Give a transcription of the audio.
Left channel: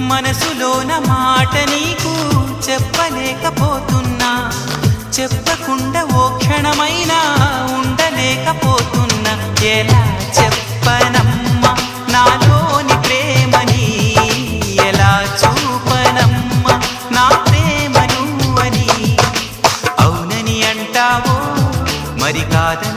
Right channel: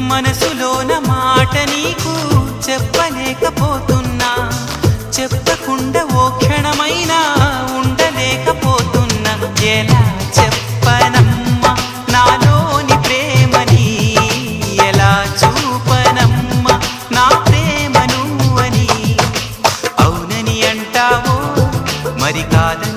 మనసులోన మాట నీకు చెప్పలేకపోతున్నా, చెప్పకుండా ఓ క్షణమైనా ఉండలేకపోతున్నా. ఎలా చెప్పనమ్మా నాలోని ప్రేమని, ఎలా చూపనమ్మా నా ప్రేమను అని. అవునని అంటావో మరి కాదని